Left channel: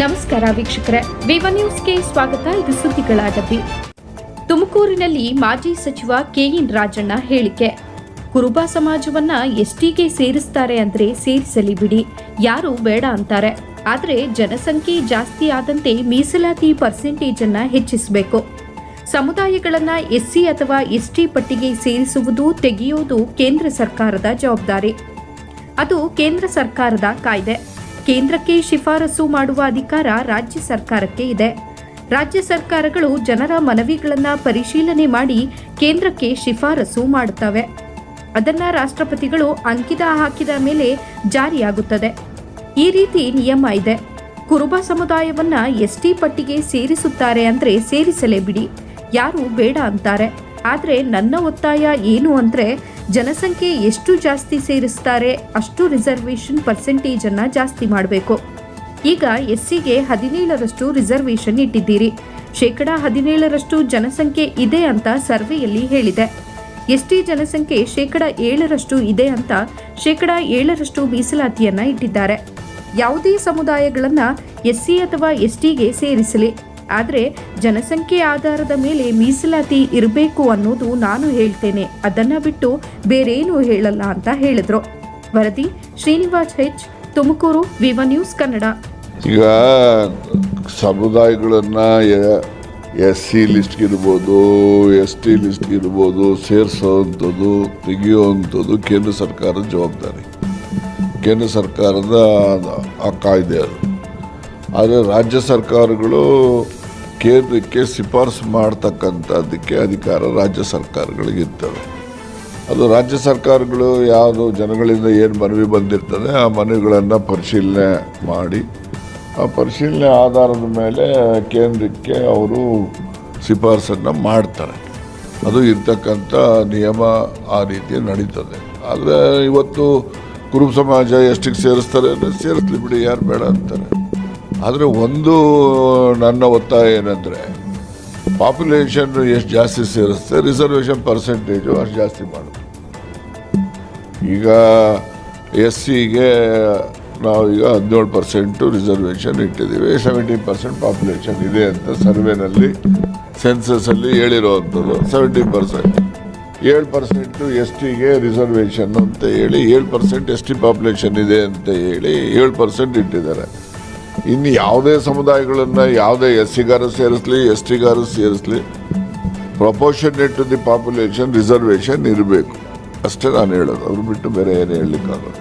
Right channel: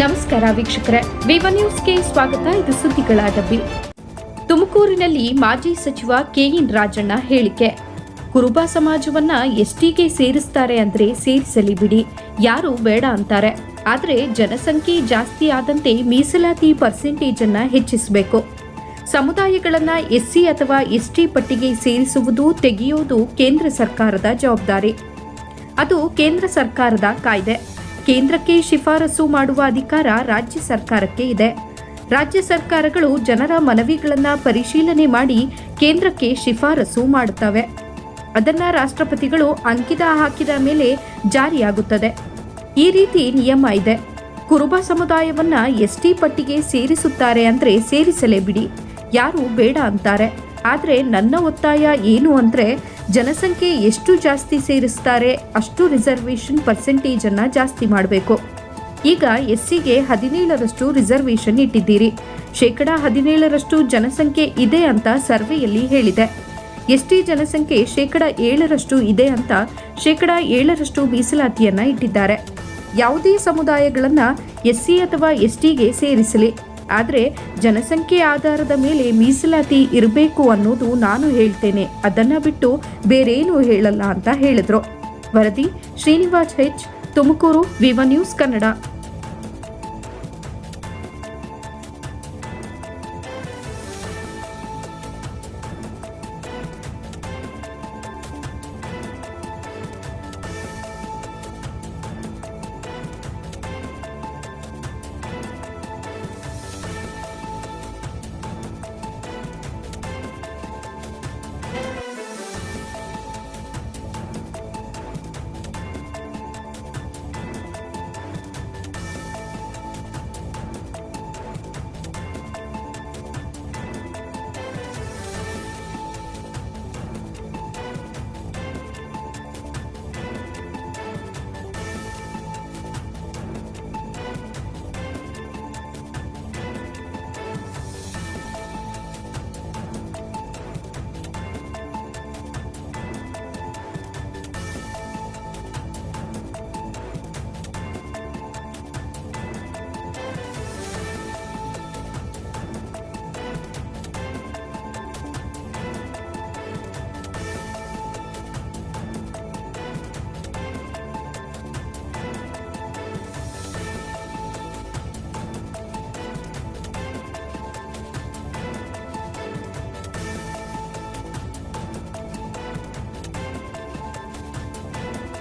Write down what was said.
ನಮಸ್ಕಾರ ವೀಕ್ಷಕರೇ, ವಿವ ನ್ಯೂಸ್ಗೆ ಸ್ವಾಗತ. ಇದು ಸುದ್ದಿಗಳ ಡಬ್ಬಿ. ತುಮಕೂರಿನಲ್ಲಿ ಮಾಜಿ ಸಚಿವ ಕೆಎನ್ ರಾಜಣ್ಣ ಹೇಳಿಕೆ. ಕುರುಬ ಸಮಾಜವನ್ನ ಎಸ್ಟಿಗೆ ಸೇರಿಸ್ತಾರೆ ಅಂದ್ರೆ ಸೇರಿಸಲಿ ಬಿಡಿ, ಯಾರು ಬೇಡ ಅಂತಾರೆ. ಆದರೆ ಜನಸಂಖ್ಯೆ ಜಾಸ್ತಿ ಆದಂತೆ ಮೀಸಲಾತಿ ಪರ್ಸೆಂಟೇಜ್ ಅನ್ನ ಹೆಚ್ಚಿಸಬೇಕು. ಸಮುದಾಯಗಳನ್ನ ಎಸ್ಸಿ ಅಥವಾ ಎಸ್ಟಿ ಪಟ್ಟಿಗೆ ಸೇರಿಸುವುದು ತೆಗೆಯುವುದು ಕೇಂದ್ರ ಸರ್ಕಾರದ ಜವಾಬ್ದಾರಿ. ಅದು ಕೇಂದ್ರ ಸರ್ಕಾರದ ಕಾಯ್ದೆ. ಕೇಂದ್ರಕ್ಕೆ ಶಿಫಾರಸು ಮಾಡುವ ಅಧಿಕಾರ ರಾಜ್ಯ ಸರ್ಕಾರಕ್ಕೆ ಇದೆ. ರಾಜ್ಯ ಸರ್ಕಾರಗಳು ಜನರ ಮನವಿಗಳನ್ನು ಪರಿಶೀಲನೆ ಮಾಡಿ ಕೇಂದ್ರಕ್ಕೆ ಶಿಫಾರಸು ಮಾಡುತ್ತವೆ. ಅದನ್ನು ರಾಷ್ಟ್ರಪತಿಗಳು ಅಂಕಿತ ಹಾಕಿದ ಮೇಲೆ ಜಾರಿಯಾಗುತ್ತದೆ. ಈ ರೀತಿ ನಿಯಮ ಇದೆ. ಕುರುಬ ಸಮುದಾಯವನ್ನ ಎಸ್ಟಿ ಪಟ್ಟಿಗೆ ಸೇರಿಸುತ್ತಾರೆ ಅಂದರೆ ಸೇರಿಸಲೇ ಬಿಡಿ, ಯಾರು ಬೇಡ ಅಂತಾರೆ. ಆದರೆ ನನ್ನ ಒತ್ತಾಯ ಏನು ಅಂದರೆ, ಜನಸಂಖ್ಯೆ ಎಷ್ಟು ಜಾಸ್ತಿ ಸೇರಿಸ್ತಾರೆ ಅಷ್ಟು ರಿಸರ್ವೇಷನ್ ಪರ್ಸೆಂಟೇಜ್ ಅನ್ನ ಜಾಸ್ತಿ ಮಾಡಬೇಕು. ಈಗ ಎಸ್ಸಿಗೆ 17% ರಿಸರ್ವೇಷನ್ ಇಟ್ಟಿದ್ದೀರಿ. 17% ಜನಸಂಖ್ಯೆ ಇದೆ ಅಂತ ಸರ್ವೆಯಲ್ಲಿ ಹೇಳಿದೆ. ಎಸ್ಟಿ ಜನಸಂಖ್ಯೆ 7% ಇದೆ ಅಂತ 7% ಮೀಸಲಾತಿಯನ್ನ ಇಟ್ಟಿದ್ದಾರೆ. ಯಾವುದೇ ಸಮುದಾಯಗಳನ್ನ ಎಸ್ಸಿ ಅಥವಾ ಎಸ್ಟಿಗೆ ಸೇರಿಸಲಿ, ಆದರೆ ಜನಸಂಖ್ಯೆ ಆಧಾರದ ಮೇಲೆ ಮೀಸಲಾತಿ ಇರಬೇಕು ಅನ್ನೋದು ನಾನು ಹೇಳ್ತೇನೆ, ಅದನ್ನ ಬಿಟ್ಟು ಬೇರೇನೂ ಹೇಳಲ್ಲ ಅಂತ ಹೇಳಿದ್ರು. ವರದಿ ಶ್ರೀನಿವಾಸ್ ಹೆಚ್, ತುಮಕೂರು, ವಿವ ನ್ಯೂಸ್ ಕನ್ನಡ. ಈಗ ಸಮುದಾಯಗಳನ್ನ ಎಸ್ಸಿ ಲಿಸ್ಟ್ ಇರ್ಬೋದು, ಎಸ್ಟಿ ಲಿಸ್ಟ್ ಇರ್ಬೋದು, ಸೇರಿಸೋವಂಥದ್ದು ತೆಗೆಯುವಂಥದ್ದು ಕೇಂದ್ರ ಸರ್ಕಾರದ ಜವಾಬ್ದಾರಿ, ಕೇಂದ್ರ ಸರ್ಕಾರದ ಆ ಕಾಯ್ದೆ ಅದು. ಆದರೆ ರಾಜ್ಯ ಸರ್ಕಾರಗಳು ಕೇಂದ್ರಕ್ಕೆ ಶಿಫಾರಸು ಮಾಡ್ತಕ್ಕಂಥದ್ದಕ್ಕೆ ಅಧಿಕಾರ ರಾಜ್ಯ ಸರ್ಕಾರಗಳಿಗಿರ್ತವೆ. ಅದು ರಾಜ್ಯ ಸರ್ಕಾರಗಳು ಯಾವುದು ಜನಗಳಿಂದ ಏನು ಮನವಿ ಬಂದಿರ್ತದೆ ಆ ಮನವಿಗಳನ್ನು ಪರಿಶೀಲನೆ ಮಾಡಿ ಆ ಪರಿಶೀಲನೆ ಆಧಾರದ ಮೇಲೆ ಕೇಂದ್ರಕ್ಕೆ ಅವರು ಶಿಫಾರಸನ್ನು ಮಾಡ್ತಾರೆ. ಅದು ಇರ್ತಕ್ಕಂಥ ನಿಯಮ ಆ ರೀತಿ ನಡೀತದೆ. ಆದರೆ ಇವತ್ತು ಕುರುಬ ಸಮಾಜ ಎಷ್ಟಿಗೆ ಸೇರಿಸ್ತಾರೆ ಅಂದರೆ ಸೇರಿಸ್ಲಿ ಬಿಡಿ, ಯಾರು ಬೇಡ ಅಂತಾರೆ. ಆದರೆ ಒಂದು ನನ್ನ ಒತ್ತಾಯ ಏನಂದರೆ, ಪಾಪ್ಯುಲೇಷನ್ ಎಷ್ಟು ಜಾಸ್ತಿ ಸೇರಿస్తే ರಿಸರ್ವೇಷನ್ ಪರ್ಸೆಂಟೇಜು ಅಷ್ಟು ಜಾಸ್ತಿ ಮಾಡೋದು. ಈಗ ಎಸ್ಸಿಗೆ ನಾವೀಗ 17% ರಿಸರ್ವೇಷನ್ ಇಟ್ಟಿದ್ದೀವಿ. 17% ಪಾಪ್ಯುಲೇಷನ್ ಇದೆ ಅಂತ ಸರ್ವೆನಲ್ಲಿ ಸೆನ್ಸಸ್ಸಲ್ಲಿ ಹೇಳಿರೋವಂಥದ್ದು. 70%, 7% ಎಸ್ಟಿಗೆ ರಿಸರ್ವೇಷನ್ ಅಂತ ಹೇಳಿ 7% ಎಸ್ಟಿ ಪಾಪ್ಯುಲೇಷನ್ ಇದೆ ಅಂತ ಹೇಳಿ 7% ಇಟ್ಟಿದ್ದಾರೆ. ಇನ್ನು ಯಾವುದೇ ಸಮುದಾಯಗಳನ್ನು ಯಾವುದೇ ಎಸ್ಸಿಗಾರು ಸೇರಿಸಲಿ ಎಸ್ಟಿಗಾರು ಸೇರಿಸಲಿ, proportionate to the population reservation ಇರಬೇಕು ಅಷ್ಟೇ ನಾನು ಹೇಳೋದು. ಅವ್ರು ಬಿಟ್ಟು ಬೇರೆ ಏನು ಹೇಳಲಿಕ್ಕಾಗಲ್ಲ.